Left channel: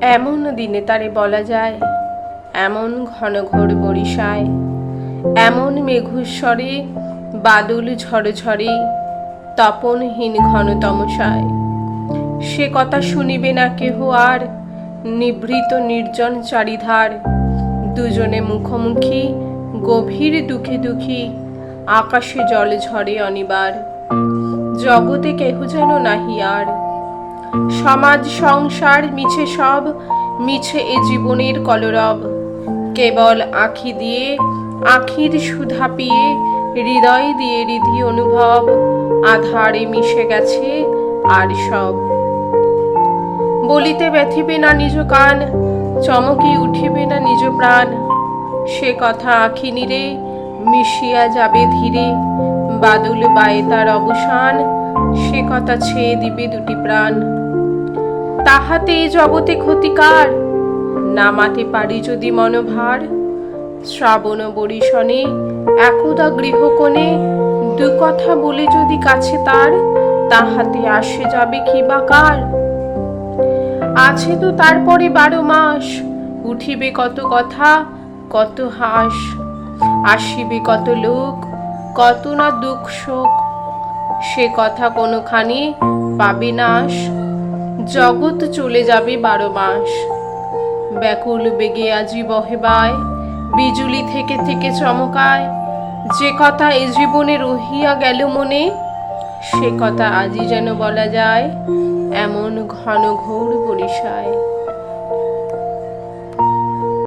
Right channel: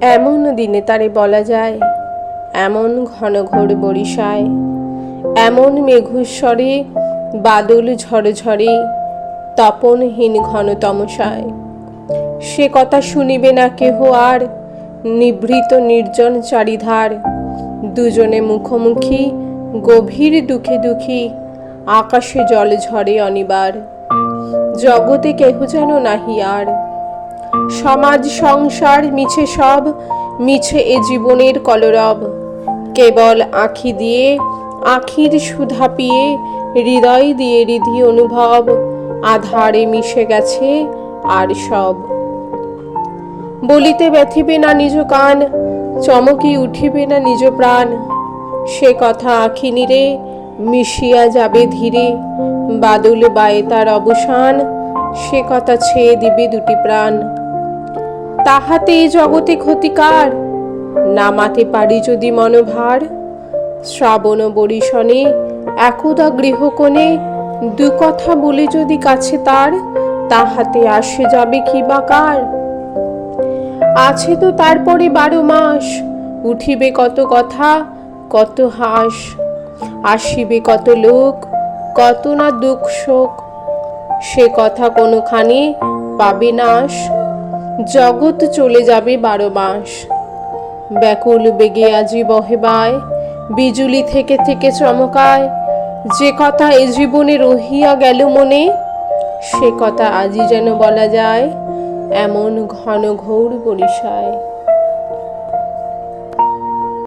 এমন দিনে তারে বলা যায়, এমন ঘন ঘোর বরিশায়, এমন মেঘস্বরে বাদল ঝড়ঝড়ে, তপনহীন ঘন তমসায়। সে কথা শুনিবে না কেহ আর, নিভৃত নির্জন চারিধার। দুজনে মুখোমুখি গভীর দুঃখে দুঃখী, আকাশে জল ঝরে অনিবার। জগতে কেহ যেন নাহি আর। সমাজ সংসার মিছে সব, মিছে এ জীবনের কলরব। কেবল আঁখি দিয়ে আঁখির সুধা পিয়ে, হৃদয় দিয়ে হৃদি অনুভব, আধারে মিশে গেছে আর সব। বলিতে ব্যথিবে না নিজ কান, চমকি উঠিবে না নিজ প্রাণ। সে কথা আঁখি নীরে মিশিয়া যাবে ধীরে, বাদল বায়ে তার অবসান, সে কথা ছেয়ে দিবে দুটি প্রাণ। তাহাতে এই জগতে ক্ষতিকার, নামাতে পারি যদি মনোভার। শ্রাবণ বরিশনে একদা গৃহকোণে, দু কথা বলে যদি কাছে তার, তাহাতে আসে যাবে কি বা কার। আছে তো তারপরে 12 মাস, উঠিবে কত কথা কত হাস, আসিবে কত লোক কত না দুঃখ শোক। সে কথা কোনোখানে পাবে নাশ, জগৎ চলে যাবে 12 মাস। ব্যাকুল বেগে আজি বহে বায়, বিজুলি থেকে থেকে চমকায়। যে কথা এ জীবনে রহিয়া গেল মনে, সে কথা আজই যেন বলা যায়, এমন ঘন ঘোর বরিশায়।